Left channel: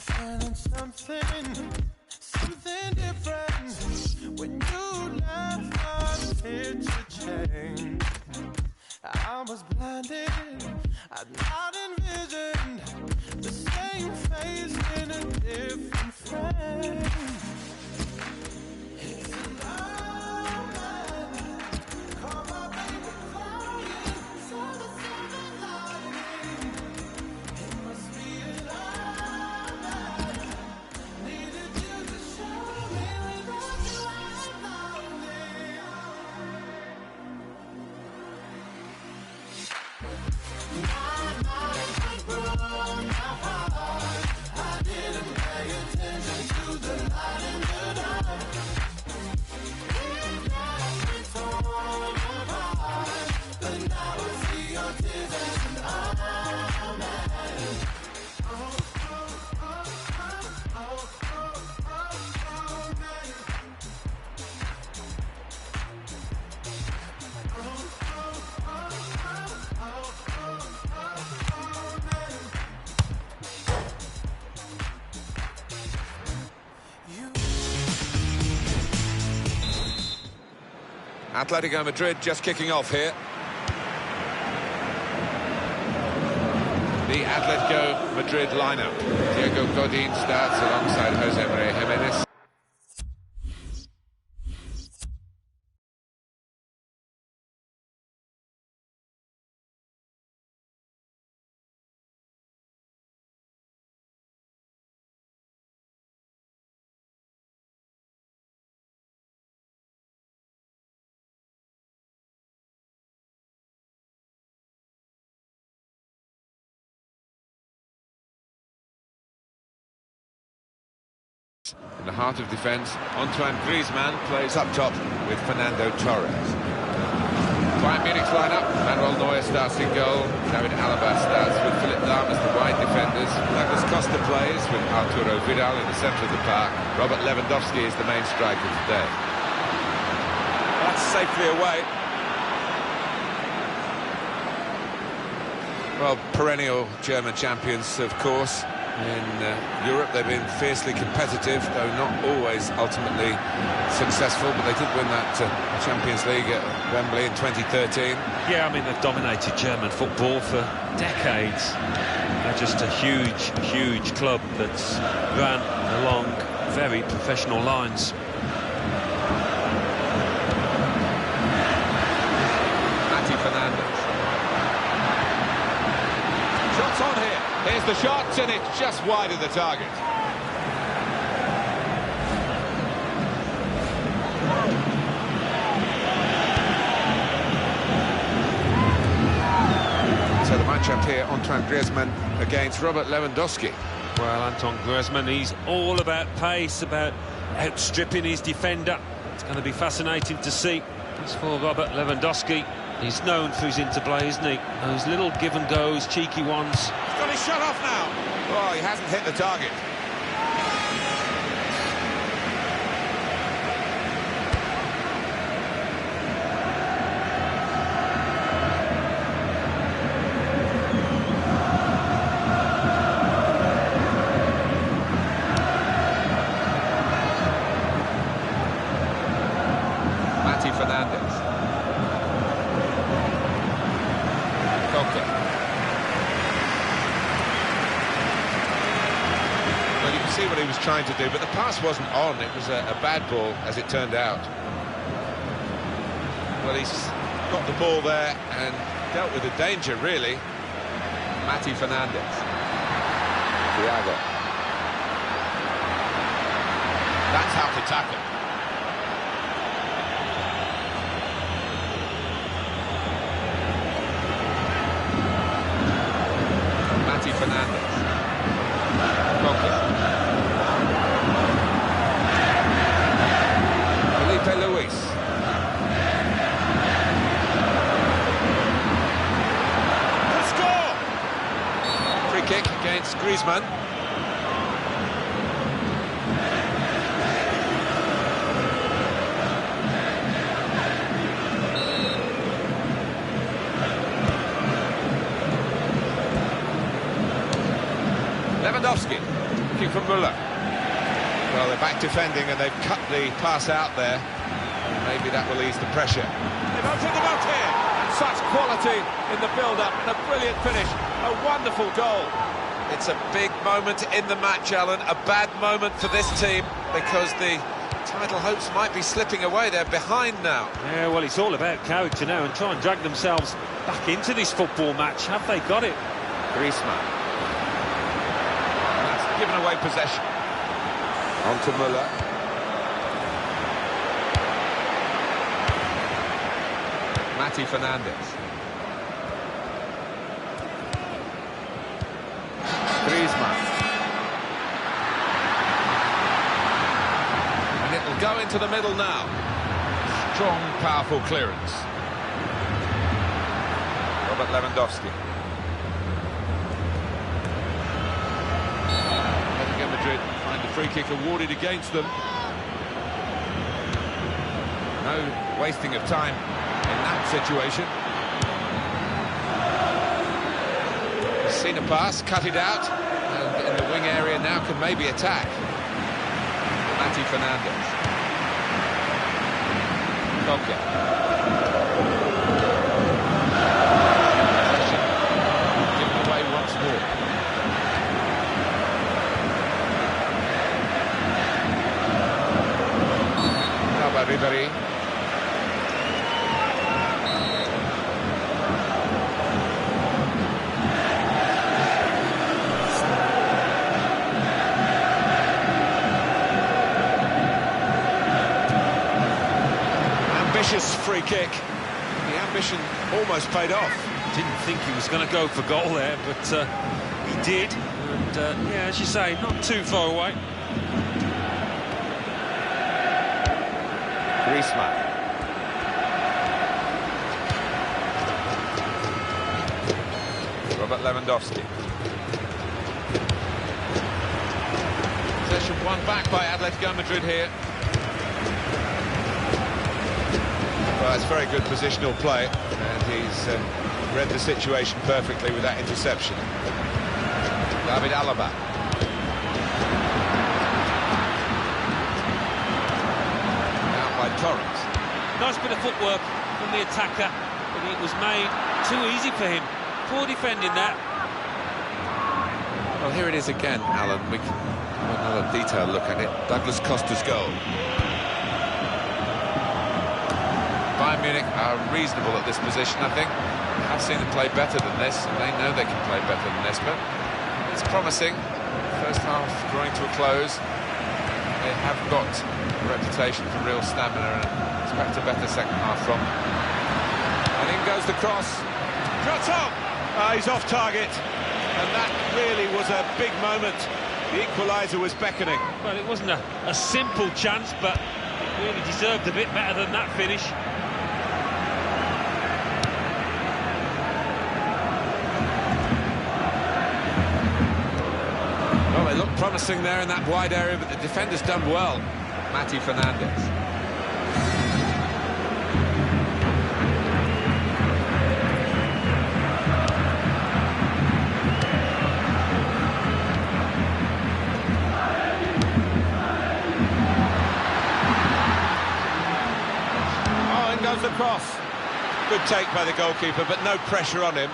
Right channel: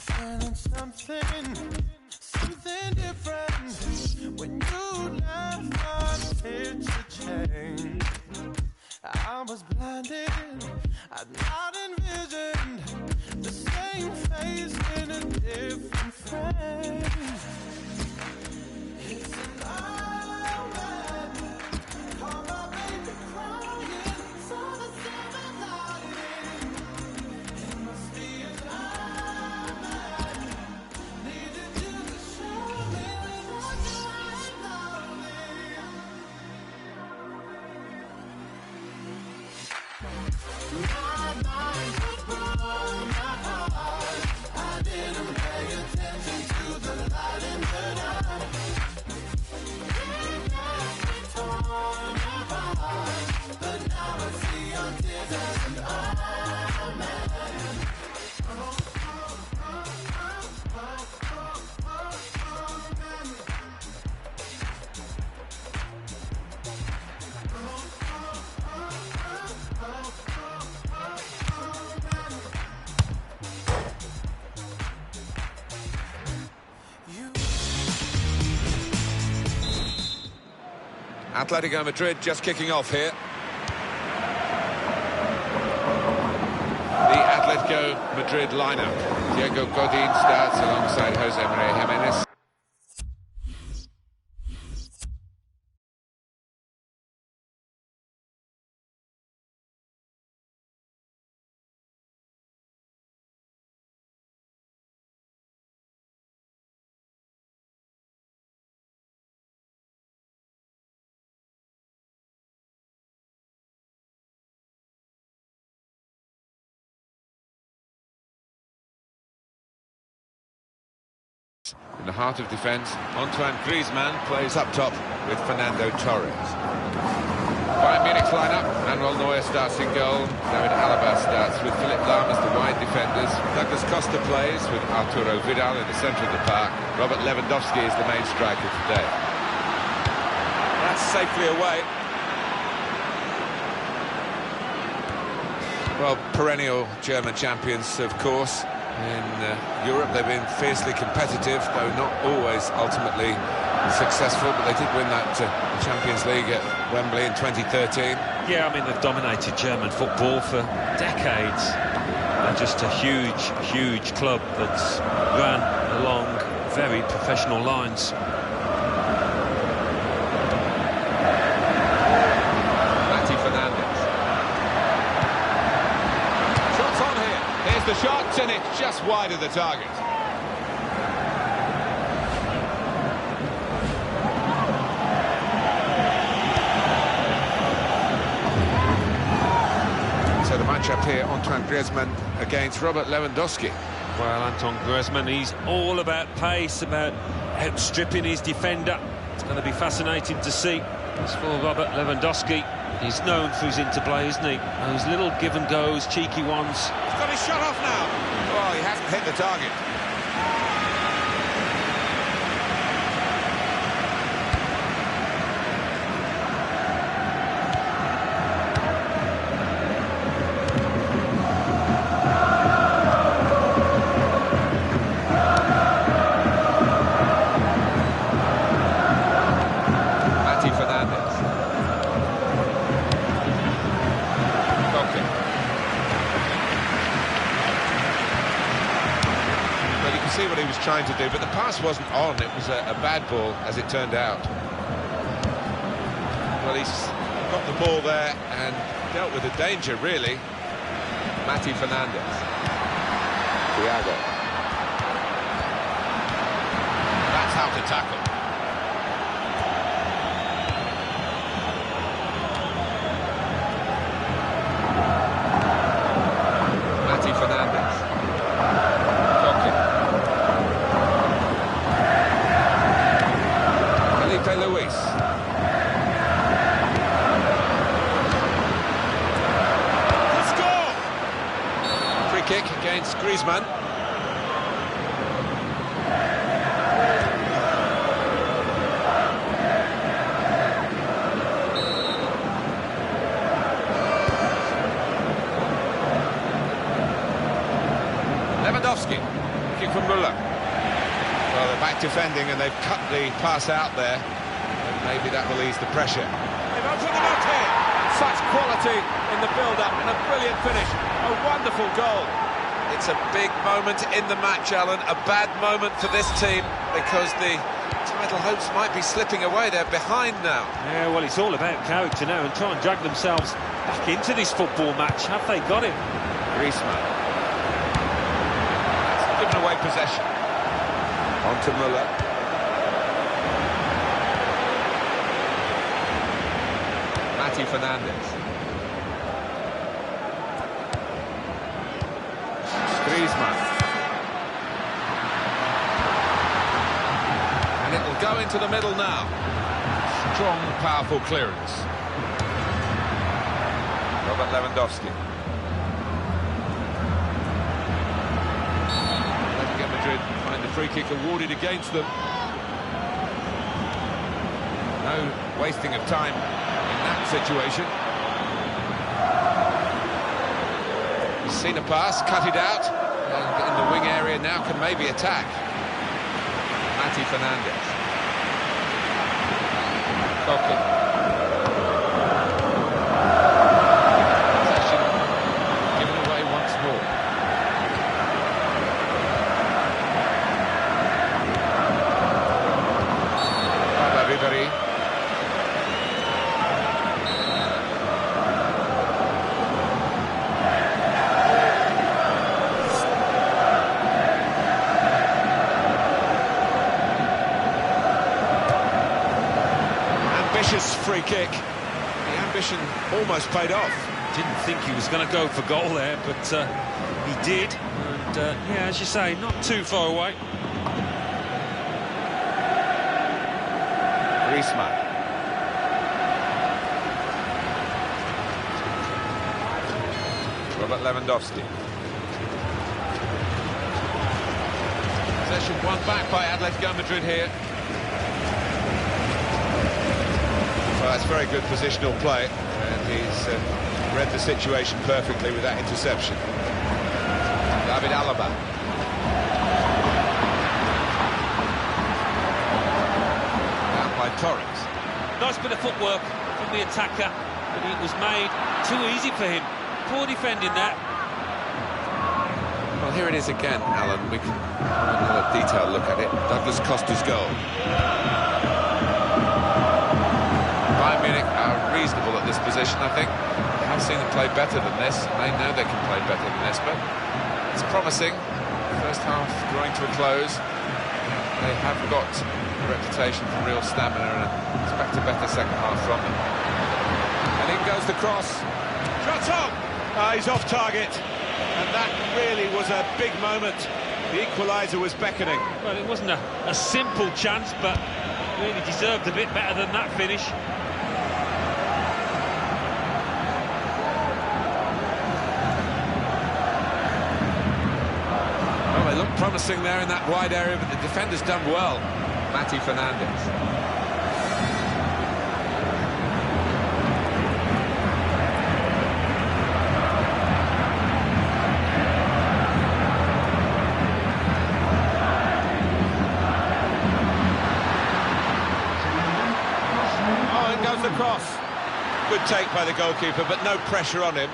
I'm feeling something different. When you left, my picture changed. I was blinded, I'd not envisioned the same face in a different frame. It's alive, call my baby crying, so the seven loving. It must be alive. Needed you to show me without you I'm Atletico Madrid just kicking off here. The Atletico Madrid lineup. Diego Godin starts alongside Jose Maria Jimenez. In the heart of defence, Antoine Griezmann plays up top with Fernando Torres. Bayern Munich's lineup: Manuel Neuer starts in goal, David Alaba starts with Philipp Lahm as the wide defenders, Douglas Costa plays with Arturo Vidal in the centre of the park, Robert Lewandowski is the main striker today. That's safely away. Well, perennial German champions, of course. In Europe, they've been fiercely competitive, though not always ultimately successful, but they did win that Champions League at Wembley in 2013. Yeah, I mean, they've dominated German football for decades. They're just a huge, huge club that's run along very professional lines. Mati Fernandez. Shots on here. Here's the shot, and it's just wide of the target. So the match-up here, Antoine Griezmann against Robert Lewandowski. Well, Antoine Griezmann, he's all about pace, about outstripping his defender. It's going to be fascinating to see. As for Robert Lewandowski, he's known for his interplay, isn't he? Those little give-and-goes, cheeky ones. He's got his shot off now. Oh, he hasn't hit the target. Mati Fernandez. Koke. Well, you can see what he was trying to do, but the pass wasn't on. It was a bad ball, as it turned out. Well, he's got the ball there and dealt with the danger, really. Mati Fernandez. Thiago. That's how to tackle. Mati Fernandez. Koke. Felipe Luis. The score! Free kick against Griezmann. Lewandowski. looking for Müller. Well, they're back defending and they've cut the pass out there. And maybe that will ease the pressure. They've opened them up here. And such quality in the build-up and a brilliant finish. A wonderful goal. It's a big moment in the match, Alan. A bad moment for this team because the title hopes might be slipping away. They're behind now. Yeah, well, it's all about character now and try and drag themselves back into this football match. Have they got it? Griezmann. That's given away possession. On to Müller. Mati Fernandez. Griezmann. And it'll go into the middle now. Strong, powerful clearance. Robert Lewandowski. Atletico Madrid find the free kick awarded against them. No wasting of time in that situation. He's seen a pass, cut it out, and in the wing area now can maybe attack. Mati Fernandez. Koke. Possession given away once more. Ribéry. Ambitious free kick. The ambition almost paid off. Didn't think he was going to go for goal there, but he did. And yeah, as you say, not too far away. Griezmann. Robert Lewandowski. Possession won back by Atletico Madrid here. Well, it's very good positional play, and he's read the situation perfectly with that interception. David Alaba. Out by Torres. Nice bit of footwork from the attacker, but it was made too easy for him. Poor defending that. Well, here it is again, Alan. We can have another detailed look at it. Douglas Costa's goal. Bayern Munich are reasonable at this position, I think. I have seen them play better than this, and they know they can play better than this, but it's promising. First half drawing to a close. They have got a reputation for real stamina, and I expect a better second half from them. And in goes the cross. Troton! He's off target, and that really was a big moment. The equaliser was beckoning. Well, it wasn't a simple chance, but it really deserved a bit better than that finish. Well, they look promising there in that wide area, but the defender's done well. Mati Fernandez. Oh, in goes the cross. Good take by the goalkeeper, but no pressure on him.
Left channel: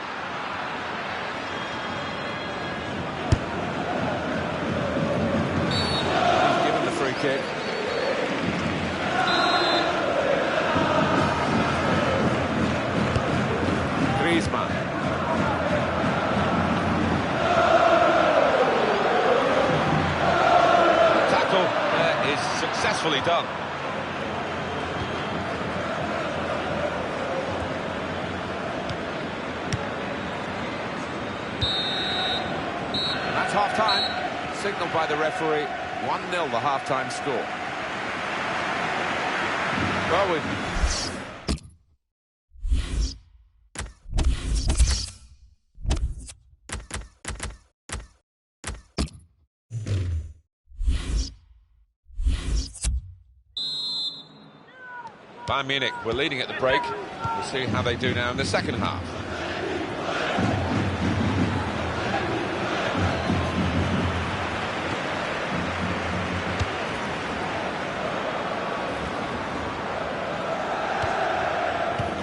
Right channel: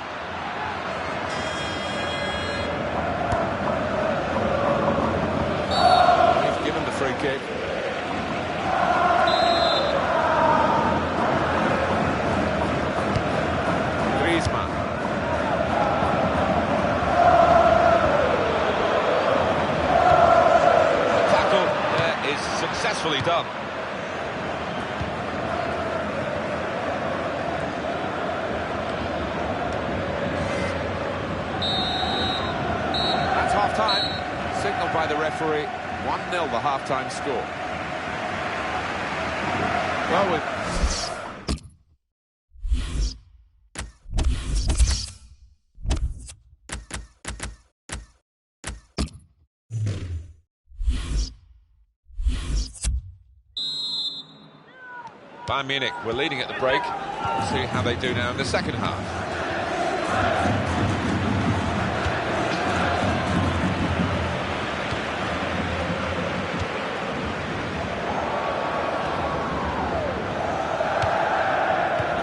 Free kick. Griezmann. The tackle there is successfully done. That's half-time, signalled by the referee. 1-0 the half-time score. Well, we've... Bayern Munich were leading at the break. We'll see how they do now in the second half.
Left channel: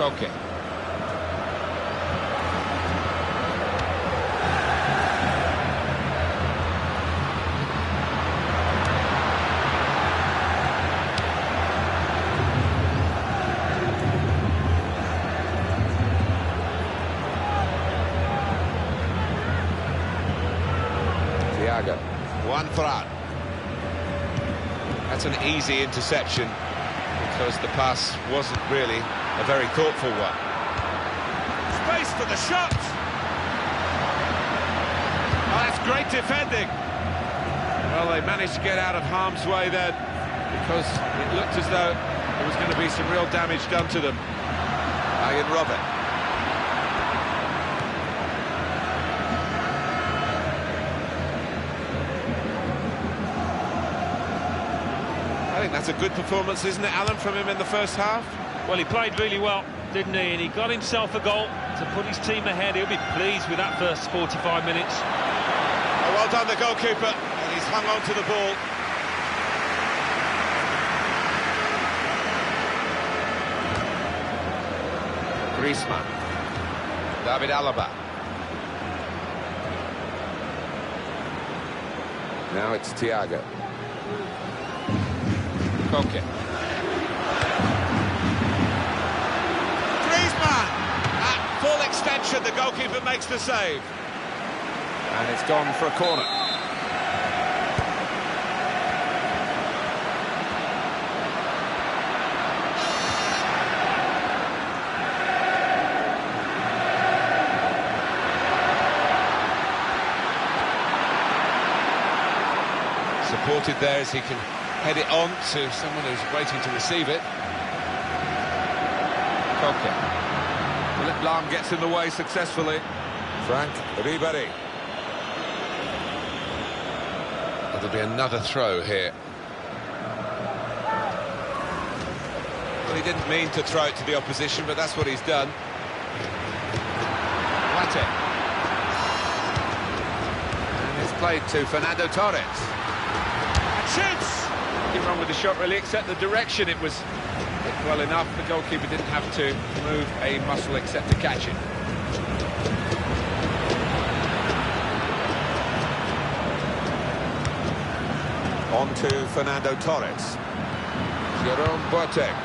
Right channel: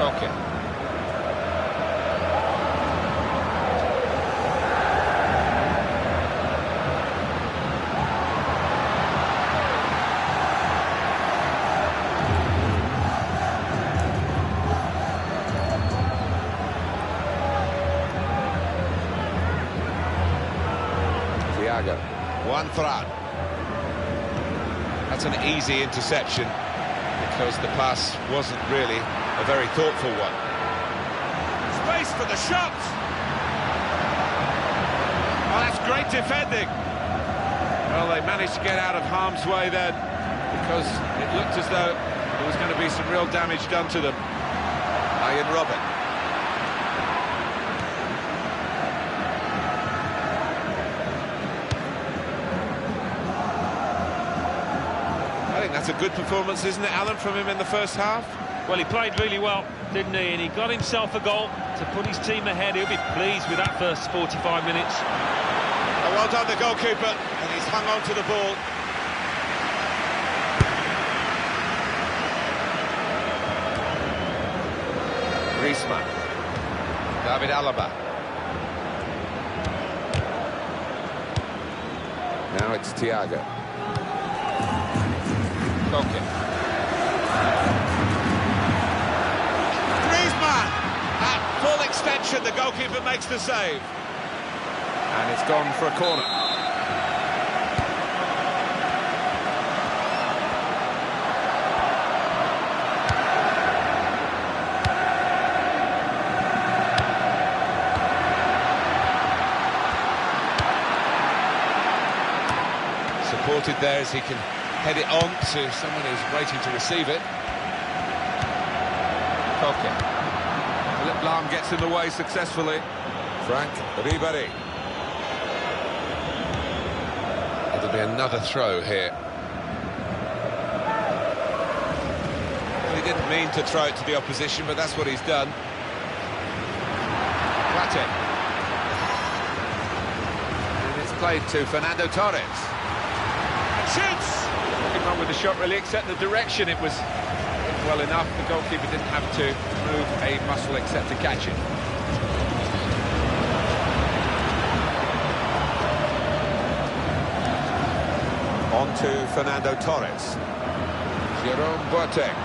Koke. Thiago. One for out. That's an easy interception because the pass wasn't really a very thoughtful one. Space for the shot! Oh, that's great defending. Well, they managed to get out of harm's way then because it looked as though there was going to be some real damage done to them. Ian Robert. I think that's a good performance, isn't it, Alan, from him in the first half? Well, he played really well, didn't he? And he got himself a goal to put his team ahead. He'll be pleased with that first 45 minutes. Oh, well done, the goalkeeper, and he's hung on to the ball. Griezmann. David Alaba. Now it's Thiago. Koke. Griezmann! At full extension, the goalkeeper makes the save. And it's gone for a corner. Supported there as he can head it on to someone who's waiting to receive it. Koke. Philippe Lahm gets in the way successfully. Frank Ribéry. It'll be another throw here. Well, he didn't mean to throw it to the opposition, but that's what he's done. Wate. And it's played to Fernando Torres. And shoots! Nothing wrong with the shot, really, except the direction. It was hit well enough. The goalkeeper didn't have to move a muscle except to catch it. On to Fernando Torres. Jerome Boateng.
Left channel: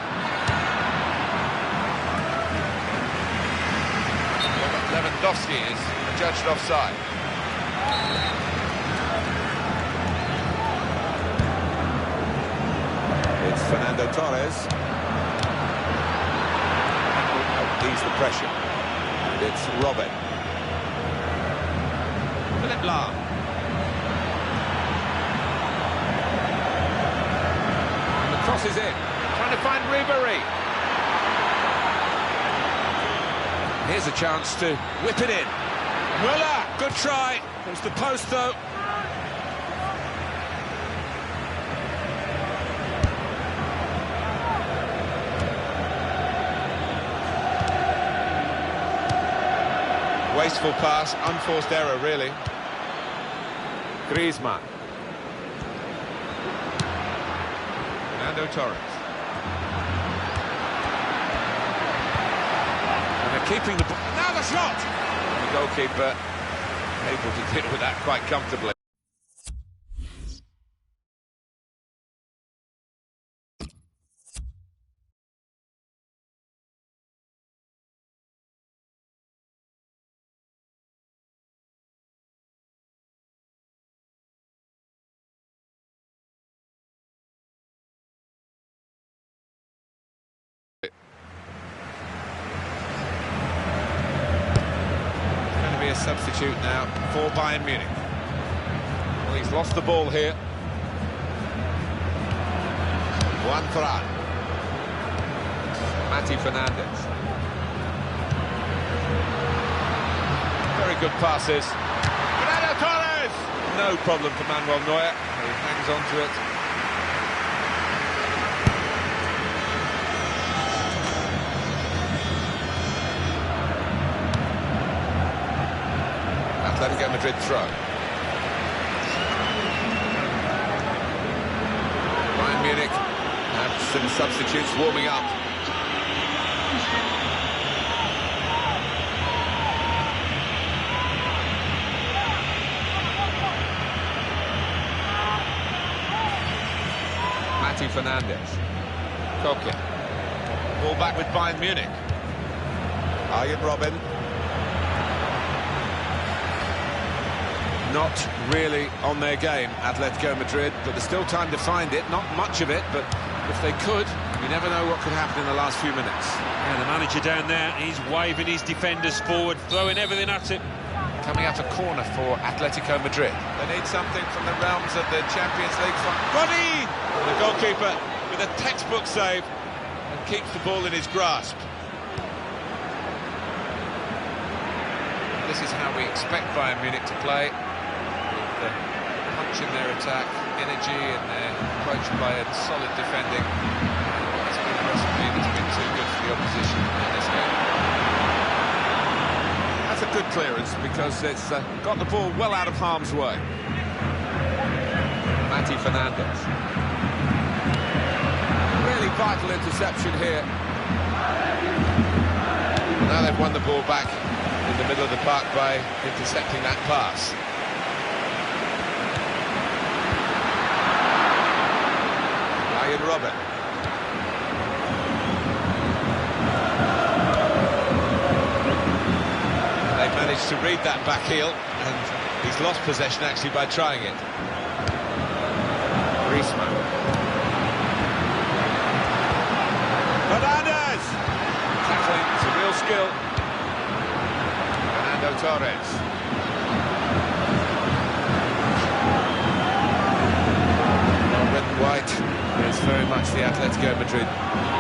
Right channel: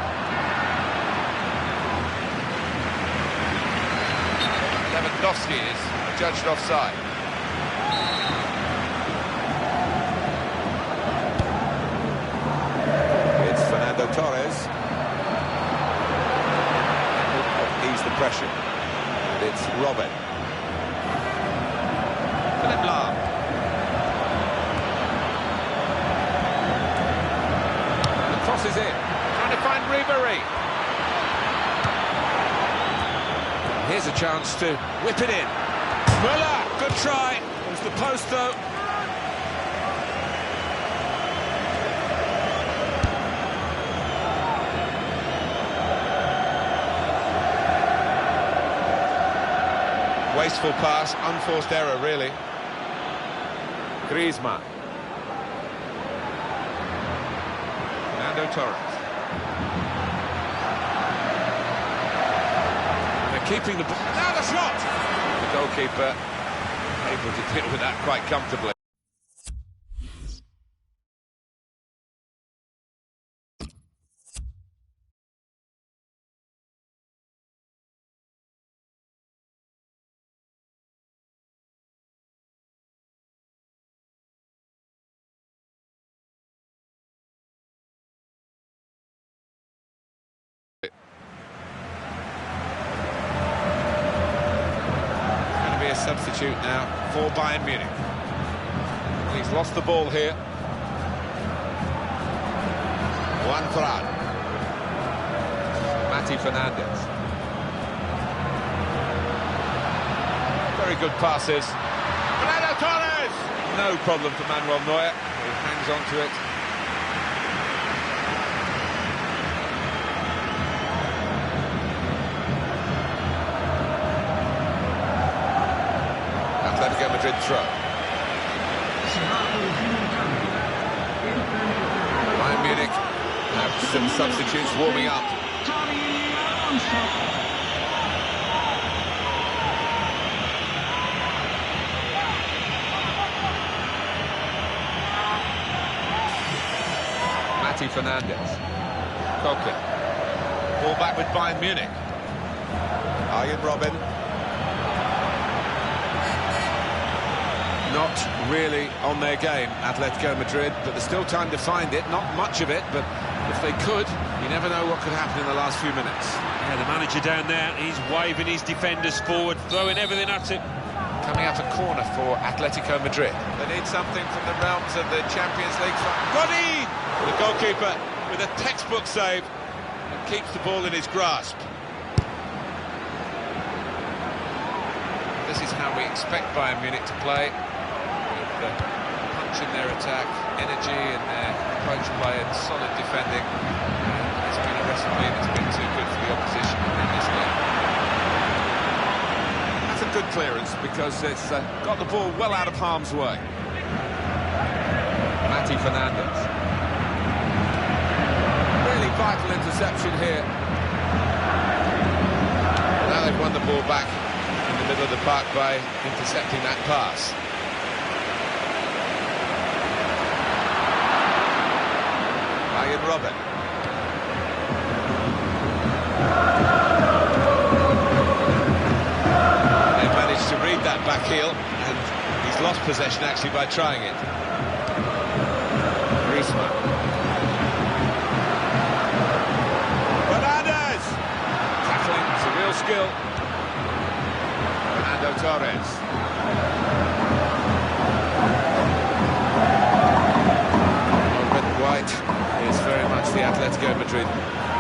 Lewandowski is judged offside. It's Fernando Torres. That will help ease the pressure. And it's Robin. Philippe Lahm. And the cross is in. Trying to find Ribéry. Here's a chance to whip it in. Müller, good try. There's the post, though. Wasteful pass, unforced error, really. Griezmann. Fernando Torres. And they're keeping the ball. And now the shot! The goalkeeper able to deal with that quite comfortably. A substitute now for Bayern Munich. Well, he's lost the ball here. Juan Fran. Mati Fernandez. Very good passes. Fernando Torres! No problem for Manuel Neuer, who hangs on to it. Atletico Madrid throw. Bayern Munich have some substitutes warming up. Mati Fernandez. Koke. Ball back with Bayern Munich. Arjen Robben. Not really on their game, Atletico Madrid, but there's still time to find it. Not much of it, but if they could, you never know what could happen in the last few minutes. Yeah, the manager down there, he's waving his defenders forward, throwing everything at it. Coming up a corner for Atletico Madrid. They need something from the realms of the Champions League. Godin! The goalkeeper with a textbook save and keeps the ball in his grasp. This is how we expect Bayern Munich to play, with punch in their attack, energy in their approach play and solid defending. And it's been a recipe that's been too good for the opposition in this game. That's a good clearance because it's got the ball well out of harm's way. Mati Fernandez. Really vital interception here. Well, now they've won the ball back in the middle of the park by intercepting that pass. Arjen Robben. They've managed to read that back heel, and he's lost possession actually by trying it. Griezmann. Fernandez! Tackling, it's a real skill. Fernando Torres. Well, red and white is very much the Atletico Madrid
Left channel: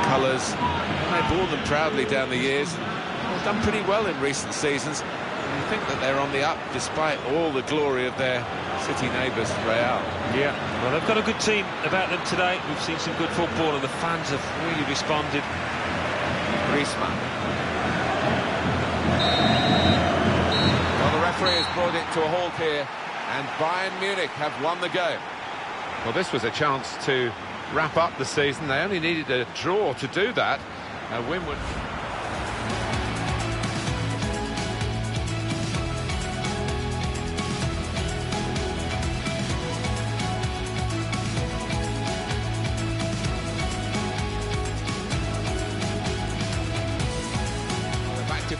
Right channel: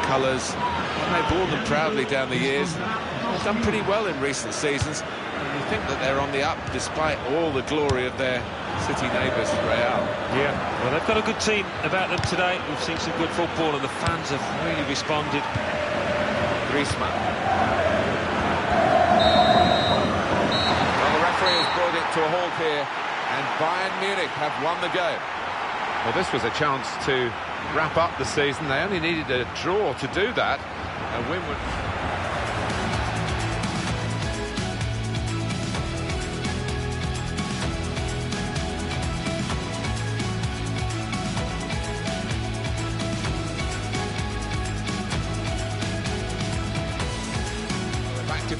colours, and they've worn them proudly down the years, and they've done pretty well in recent seasons. And you think that they're on the up despite all the glory of their city neighbours, Real. Yeah, well, they've got a good team about them today. We've seen some good football, and the fans have really responded. Griezmann. Well, the referee has brought it to a halt here, and Bayern Munich have won the game. Well, this was a chance to wrap up the season. They only needed a draw to do that. A win would... Well, they're back to...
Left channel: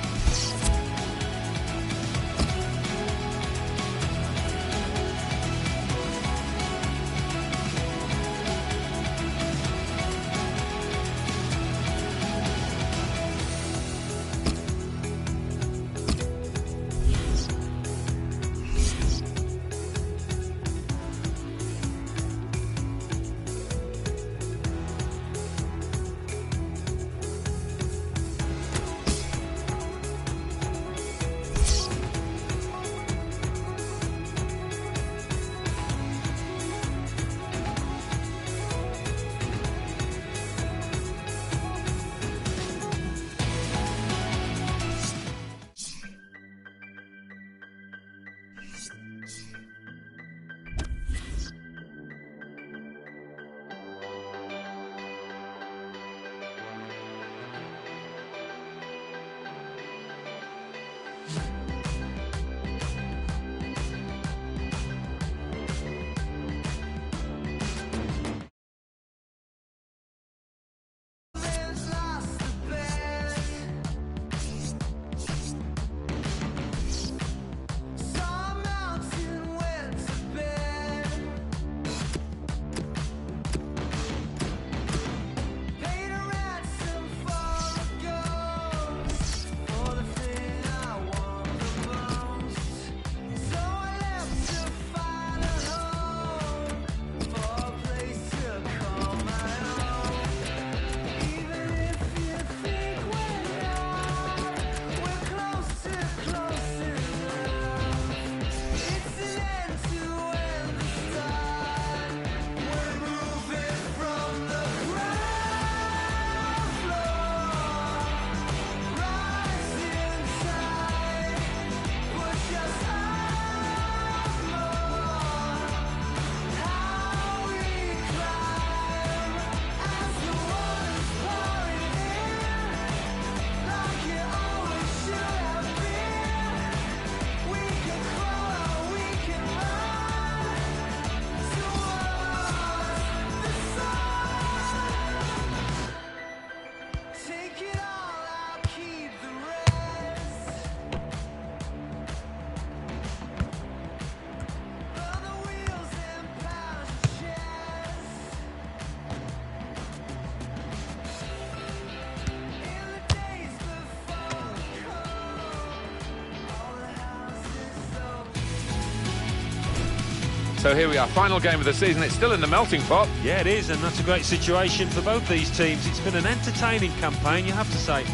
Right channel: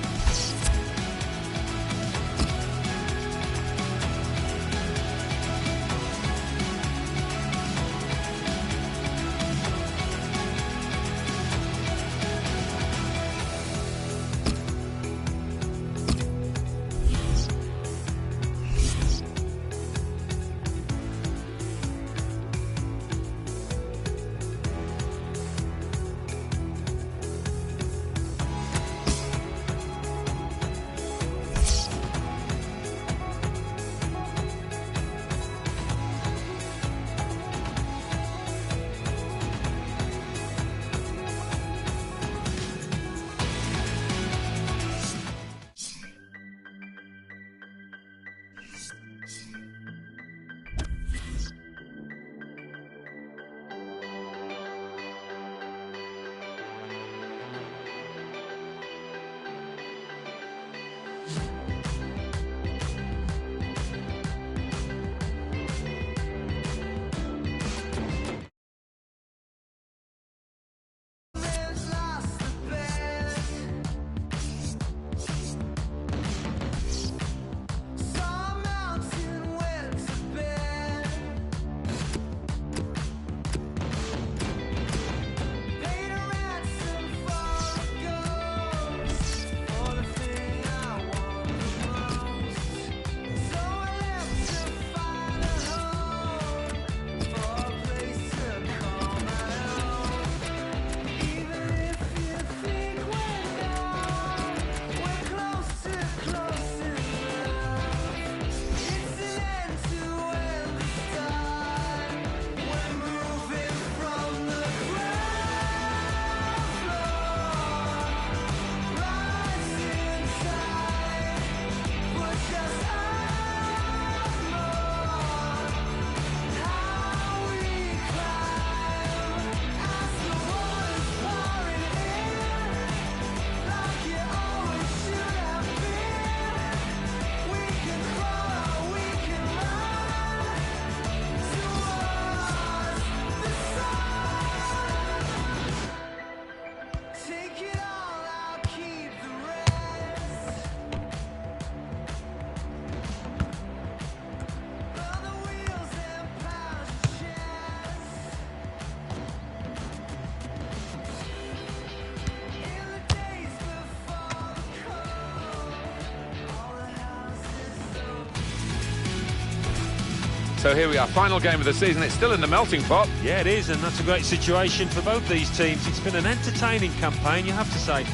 So here we are, final game of the season. It's still in the melting pot. Yeah, it is, and that's a great situation for both these teams. It's been an entertaining campaign, you have to say.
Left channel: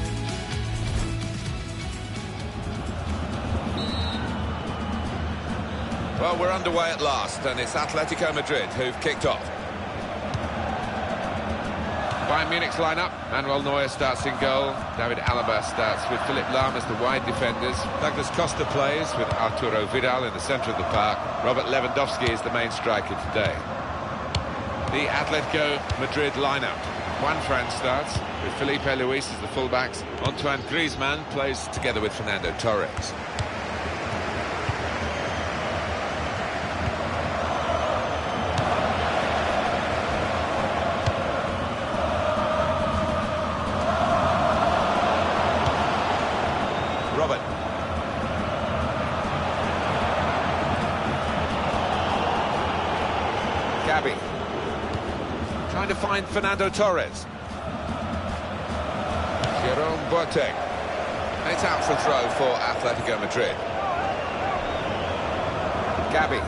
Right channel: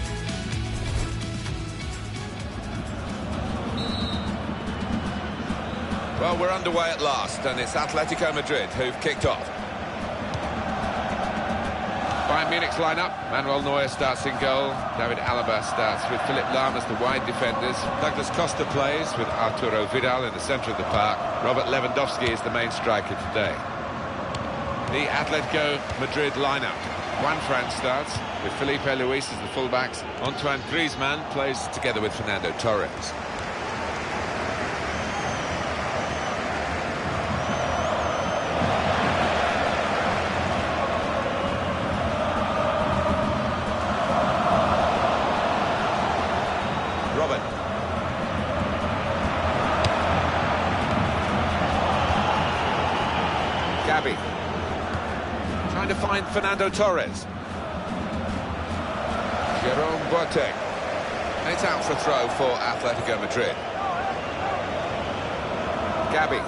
Well, we're underway at last, and it's Atletico Madrid who've kicked off. Bayern Munich's lineup. Manuel Neuer starts in goal. David Alaba starts with Philipp Lahm as the wide defenders. Douglas Costa plays with Arturo Vidal in the centre of the park. Robert Lewandowski is the main striker today. The Atletico Madrid lineup. Juan Fran starts with Felipe Luis as the fullbacks. Antoine Griezmann plays together with Fernando Torres. Robert. Gabi. Trying to find Fernando Torres. Jerome Boateng. And it's out for a throw for Atletico Madrid. Gabi.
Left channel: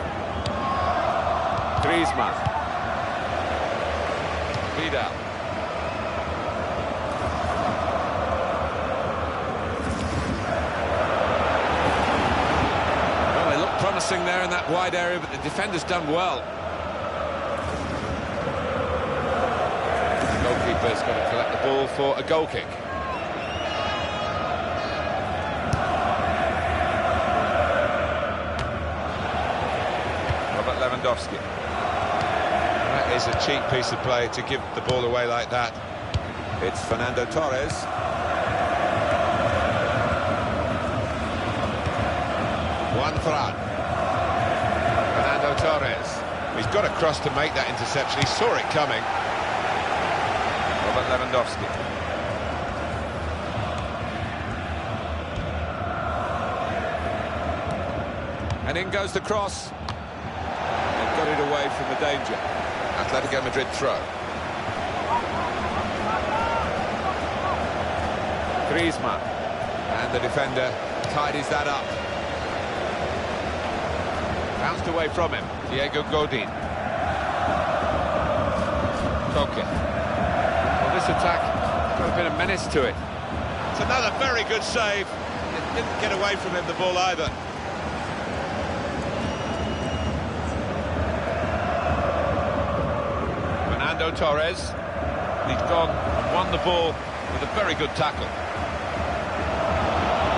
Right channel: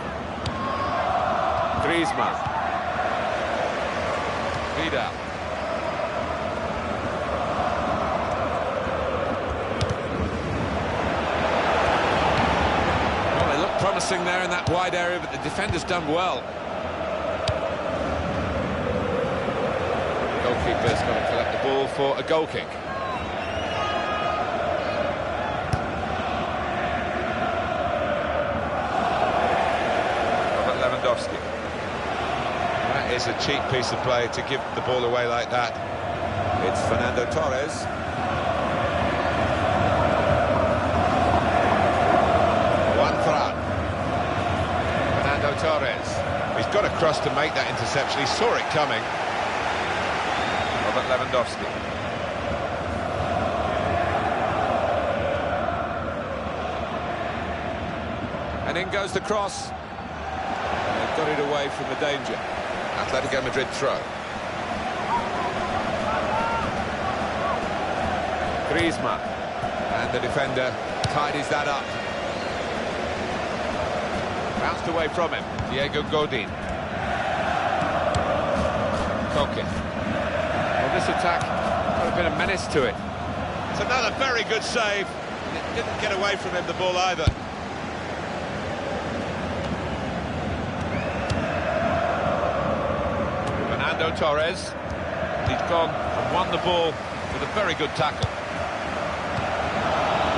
Griezmann. Vidal. Well, they look promising there in that wide area, but the defender's done well. The goalkeeper's got to collect the ball for a goal kick. Robert Lewandowski. That is a cheap piece of play to give the ball away like that. It's Fernando Torres. Juan Fran. Fernando Torres. He's got a cross to make that interception. He saw it coming. Robert Lewandowski. And in goes the cross. They've got it away from the danger. Atletico Madrid throw. Griezmann. And the defender tidies that up. Bounced away from him. Diego Godin. Koke. Well, this attack has got a bit of menace to it. It's another very good save. It didn't get away from him, the ball, either. Fernando Torres. He's gone and won the ball with a very good tackle.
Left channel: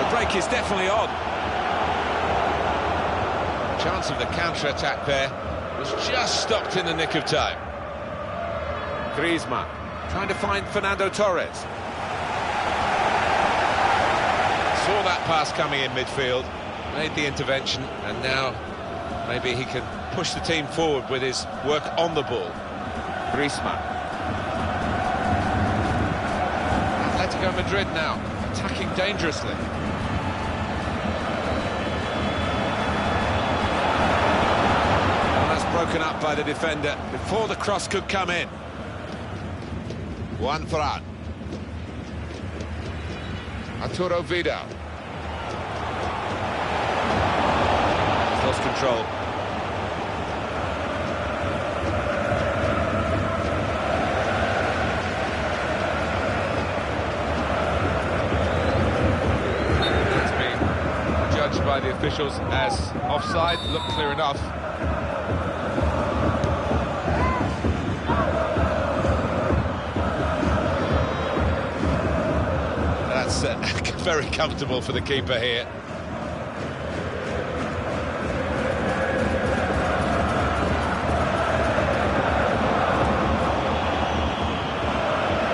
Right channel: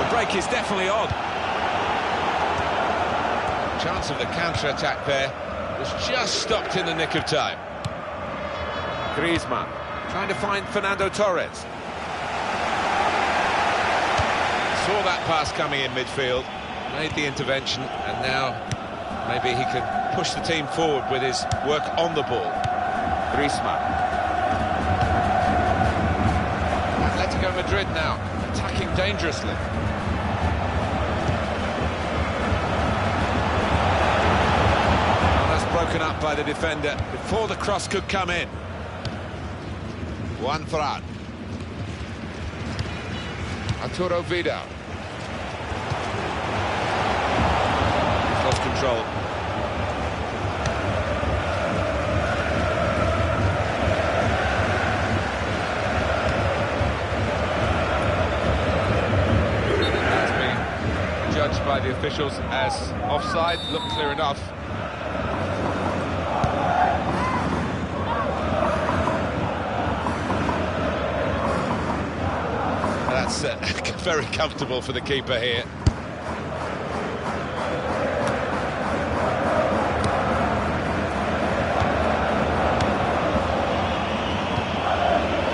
The break is definitely on. Chance of the counter-attack there was just stopped in the nick of time. Griezmann trying to find Fernando Torres. Saw that pass coming in midfield, made the intervention, and now maybe he can push the team forward with his work on the ball. Griezmann. Atletico Madrid now attacking dangerously. Broken up by the defender before the cross could come in. Juan Fran. Arturo Vidal. He's lost control. That's been judged by the officials as offside. Looked clear enough. That's very comfortable for the keeper here.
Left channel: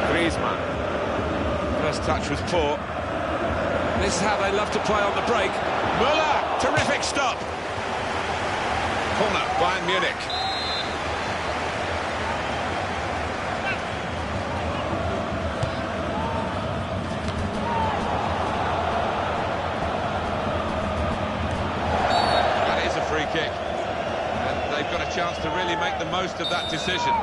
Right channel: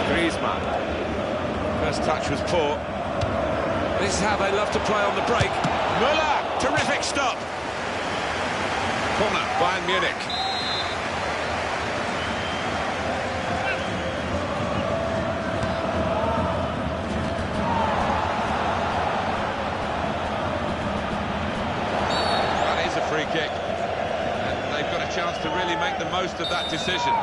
Griezmann. First touch was poor. This is how they love to play on the break. Müller, terrific stop. Corner, Bayern Munich. Free kick, and they've got a chance to really make the most of that decision.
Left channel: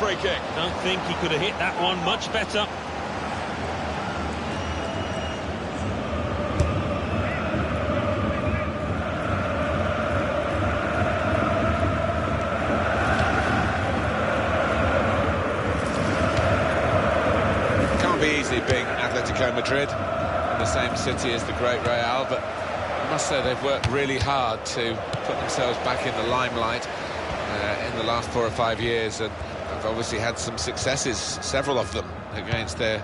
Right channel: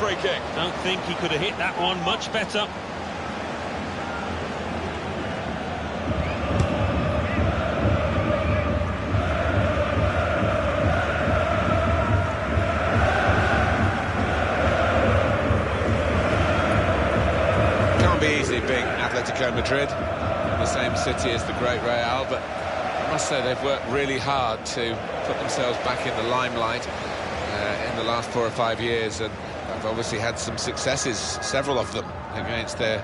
free kick. Don't think he could have hit that one much better. Can't be easy being Atletico Madrid in the same city as the great Real, but I must say they've worked really hard to put themselves back in the limelight in the last 4 or 5 years, and they've obviously had some successes, several of them, against their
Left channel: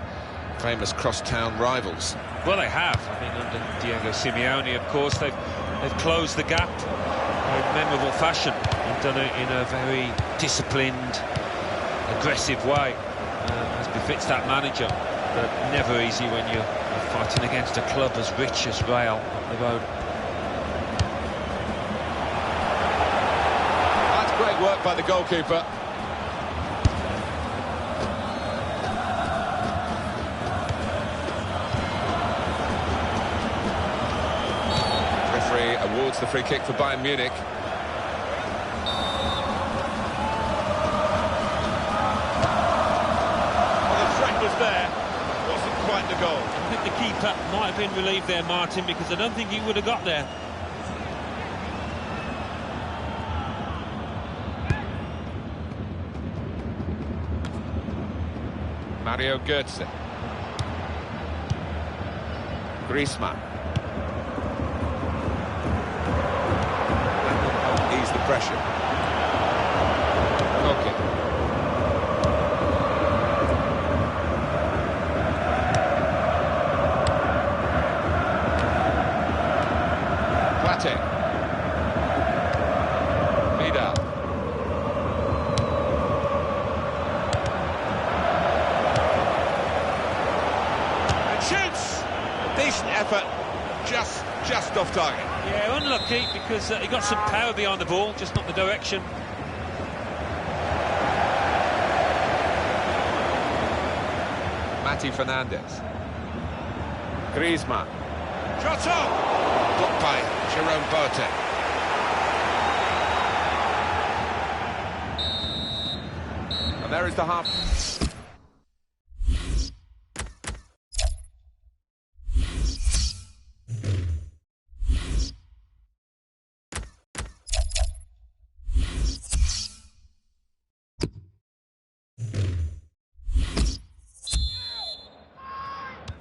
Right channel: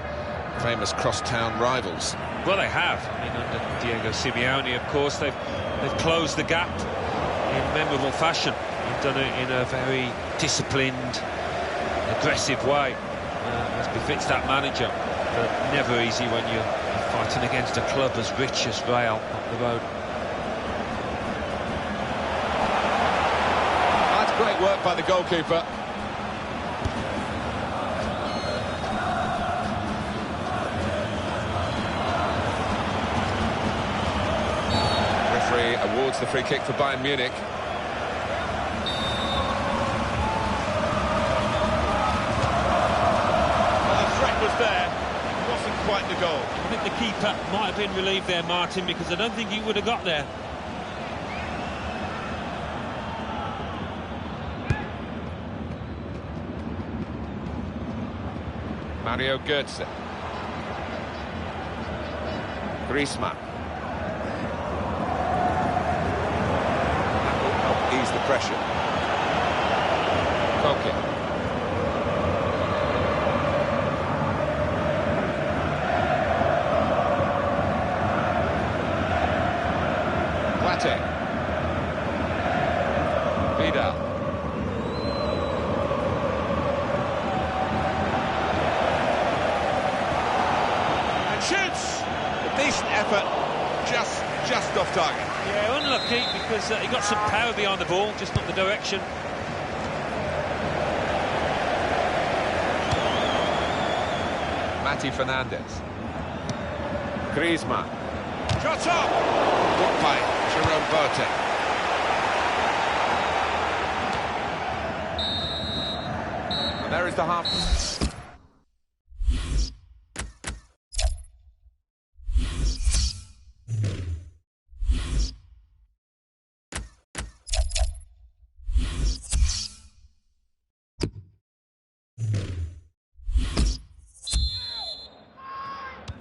famous cross-town rivals. Well, they have. I mean, under Diego Simeone, of course, they've closed the gap in memorable fashion. They've done it in a very disciplined, aggressive way, as befits that manager. But never easy when you're fighting against a club as rich as Real up the road. That's great work by the goalkeeper. Referee awards the free kick for Bayern Munich. Well, the threat was there. It wasn't quite the goal. I think the keeper might have been relieved there, Martin, because I don't think he would have got there. Mario Götze. Griezmann. That will help ease the pressure. Koke. Plate. Vidal. And shoots! A decent effort, just off target. Yeah, unlucky, because he got some power behind the ball, just not the direction. Mati Fernandez. Griezmann. Shot up! Blocked by Jerome Boateng. And there is the half.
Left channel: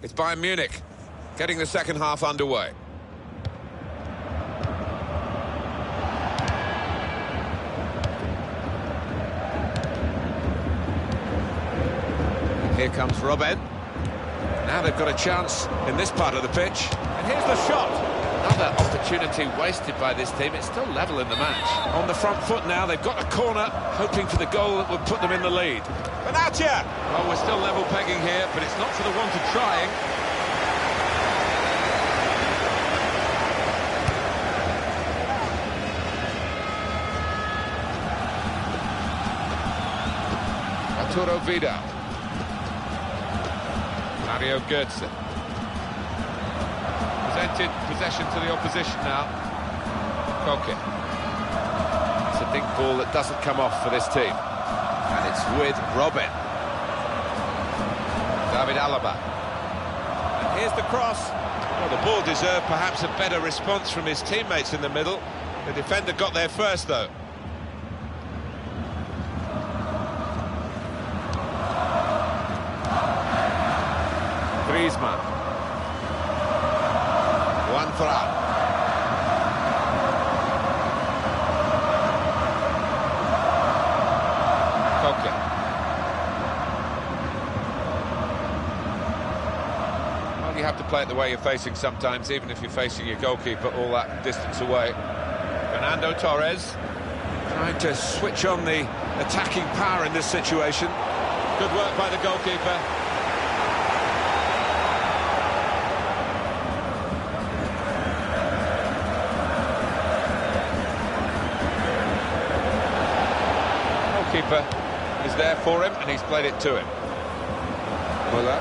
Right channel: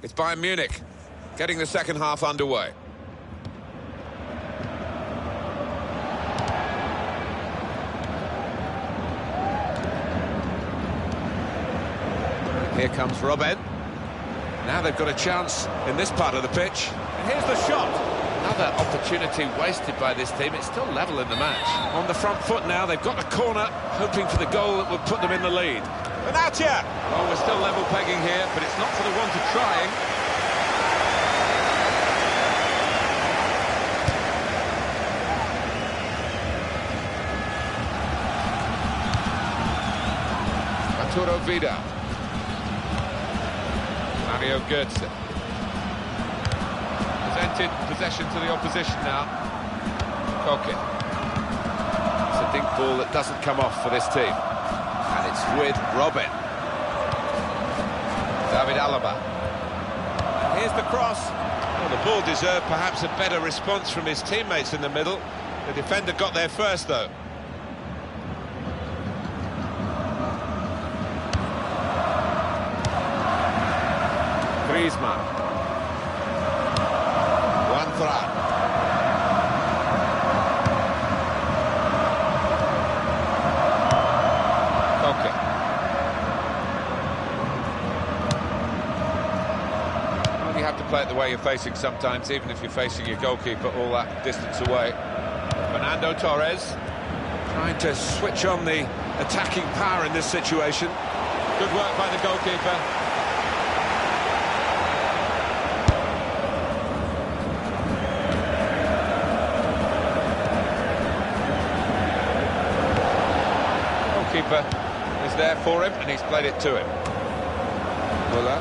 It's Bayern Munich getting the second half underway. Here comes Robben. Now they've got a chance in this part of the pitch. And here's the shot. Another opportunity wasted by this team. It's still level in the match. On the front foot now, they've got a corner, hoping for the goal that would put them in the lead. Benatia! Well, we're still level pegging here, but it's not for the want of trying. Arturo Vidal. Mario Götze. Presented possession to the opposition now. Koke. It's a dink ball that doesn't come off for this team. And it's with Robben. David Alaba. And here's the cross. Well, the ball deserved perhaps a better response from his teammates in the middle. The defender got there first, though. Griezmann. One throw. Koke. Well, you have to play it the way you're facing sometimes, even if you're facing your goalkeeper all that distance away. Fernando Torres trying to switch on the attacking power in this situation. Good work by the goalkeeper. Keeper is there for him, and he's played it to him. Muller.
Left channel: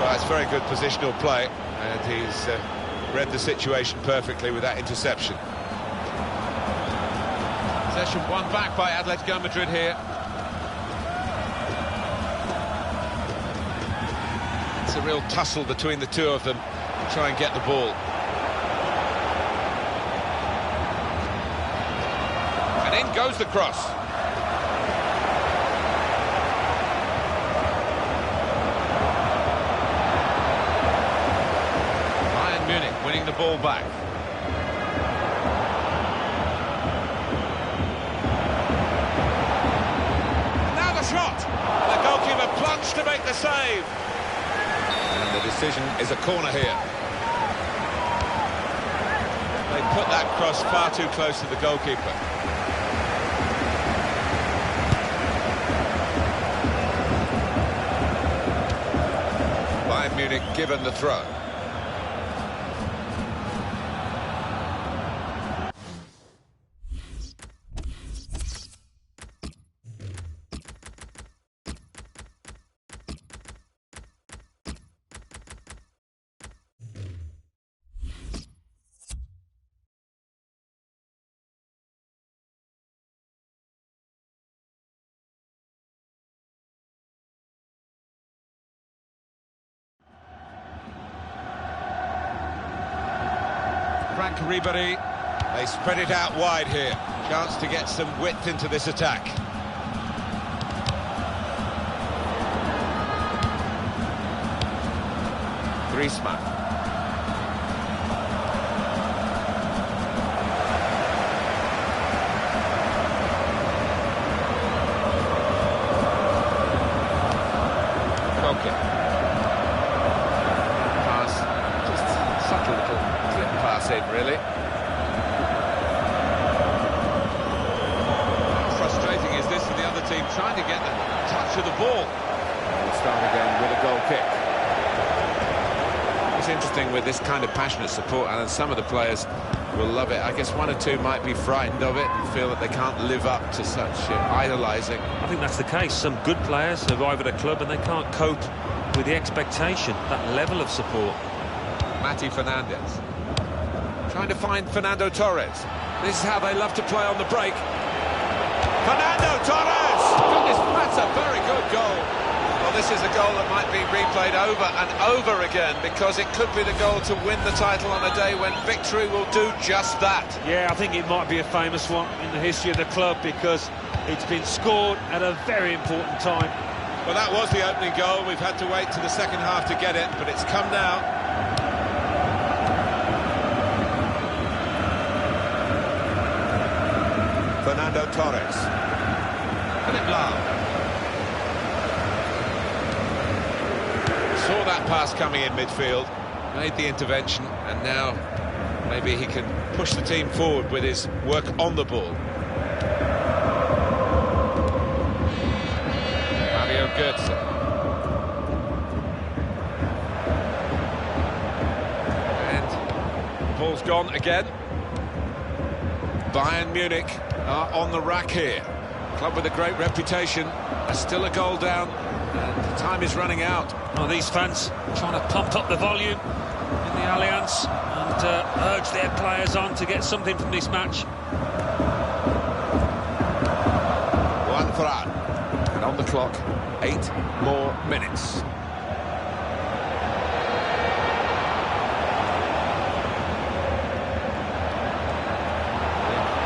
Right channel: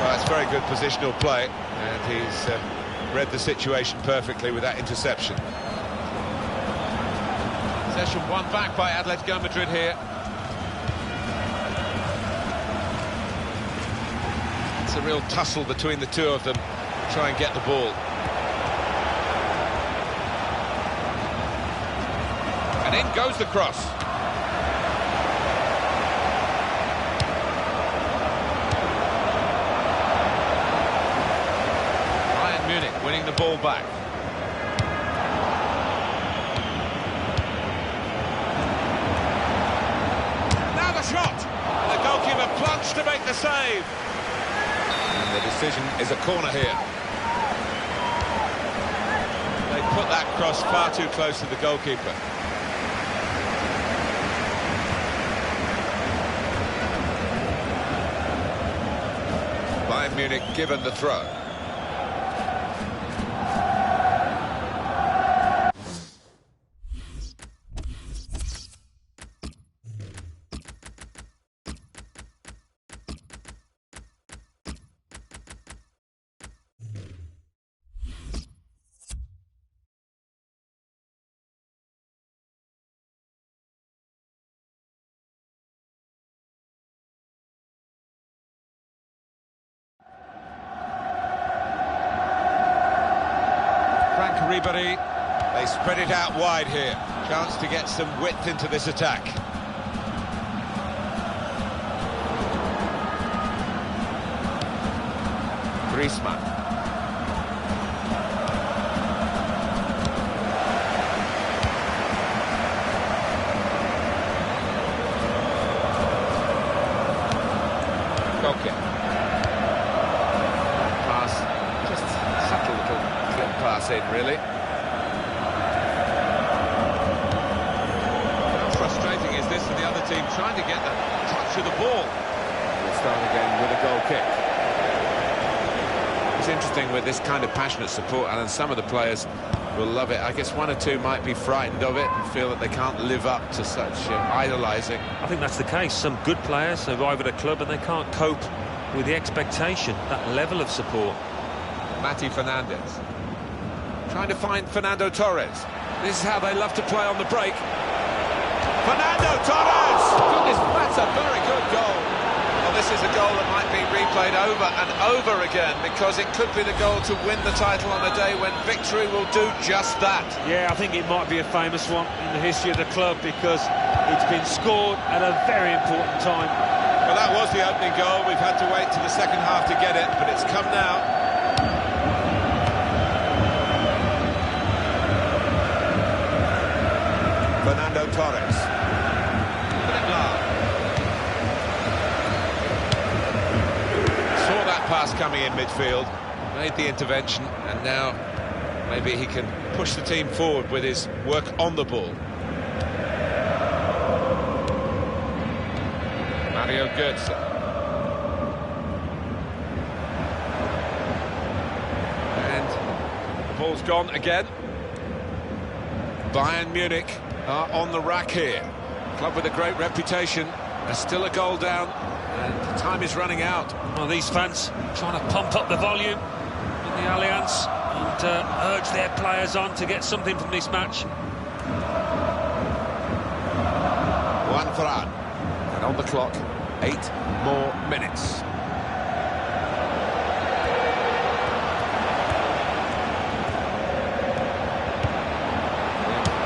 Well, it's very good positional play, and he's read the situation perfectly with that interception. Possession won back by Atletico Madrid here. It's a real tussle between the two of them to try and get the ball. And in goes the cross. Bayern Munich winning the ball back. And now the shot. The goalkeeper plunged to make the save. And the decision is a corner here. They put that cross far too close to the goalkeeper. Bayern Munich given the throw. Frank Ribéry, they spread it out wide here. Chance to get some width into this attack. Griezmann. Okay. Pass, just subtle little clip pass in, really. How frustrating is this for the other team, trying to get the touch of the ball? We'll start again with a goal kick. It's interesting with this kind of passionate support, and some of the players will love it. I guess one or two might be frightened of it and feel that they can't live up to such idolising. I think that's the case. Some good players arrive at a club and they can't cope with the expectation, that level of support. Mati Fernandez trying to find Fernando Torres. This is how they love to play on the break. Fernando Torres! Goodness, that's a very good goal. Well, this is a goal that might be replayed over and over again, because it could be the goal to win the title on a day when victory will do just that. Yeah, I think it might be a famous one in the history of the club, because it's been scored at a very important time. Well, that was the opening goal. We've had to wait to the second half to get it, but it's come now. Fernando Torres. Philipp Lahm. Saw that pass coming in midfield, made the intervention, and now maybe he can push the team forward with his work on the ball. Mario Götze. And the ball's gone again. Bayern Munich are on the rack here. Club with a great reputation. There's still a goal down, and time is running out. Well, these fans trying to pump up the volume in the Allianz and urge their players on to get something from this match. One for out. And on the clock, 8 more minutes.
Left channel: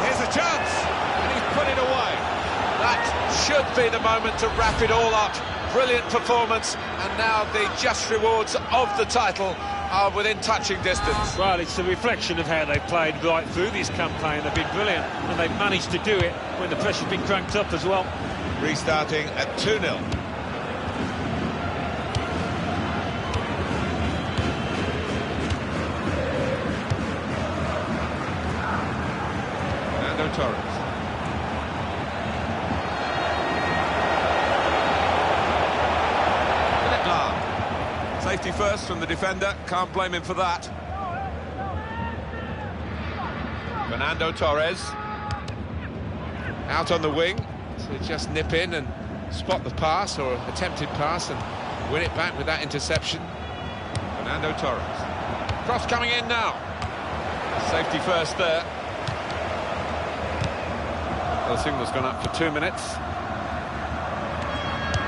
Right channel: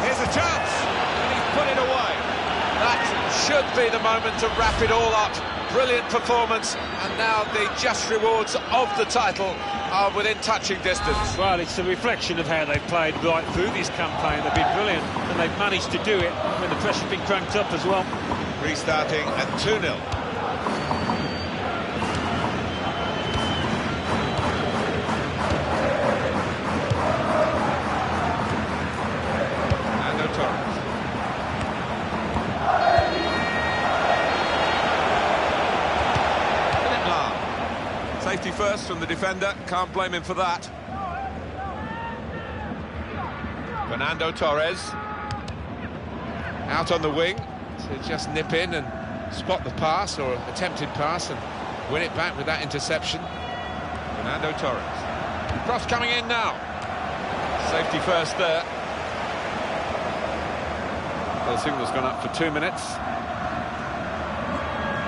Here's a chance, and he's put it away. That should be the moment to wrap it all up. Brilliant performance, and now the just rewards of the title are within touching distance. Well, it's a reflection of how they've played right through this campaign. They've been brilliant, and they've managed to do it when the pressure's been cranked up as well. Restarting at 2-0. Fernando Torres. Philipp Lahm. Safety first from the defender, can't blame him for that. Fernando Torres. Out on the wing to just nip in and spot the pass, or attempted pass, and win it back with that interception. Fernando Torres. Cross coming in now. Safety first there. Well, the signal's gone up for 2 minutes.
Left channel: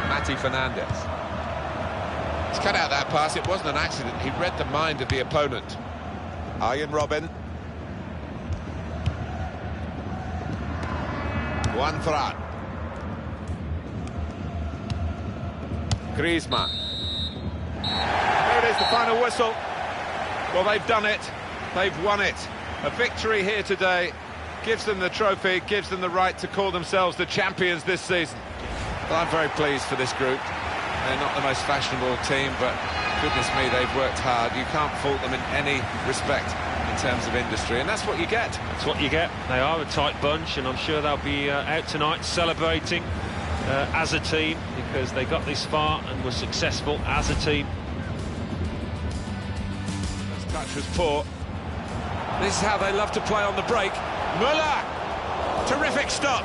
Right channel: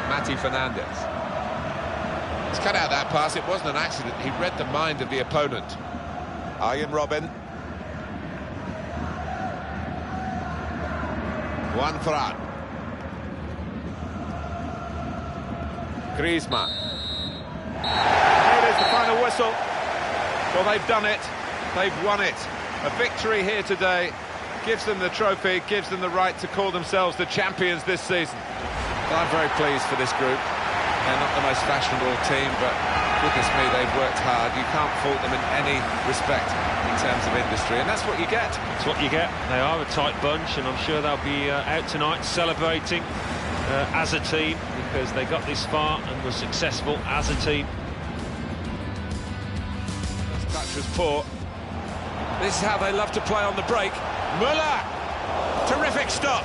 Mati Fernandez. He's cut out that pass. It wasn't an accident. He read the mind of the opponent. Arjen Robben. Juan Fran. Griezmann. Here it is, the final whistle. Well, they've done it. They've won it. A victory here today gives them the trophy, gives them the right to call themselves the champions this season. Well, I'm very pleased for this group. They're not the most fashionable team, but goodness me, they've worked hard. You can't fault them in any respect in terms of industry, and that's what you get. That's what you get. They are a tight bunch, and I'm sure they'll be out tonight celebrating as a team, because they got this far and were successful as a team. First touch was poor. This is how they love to play on the break. Müller! Terrific stop.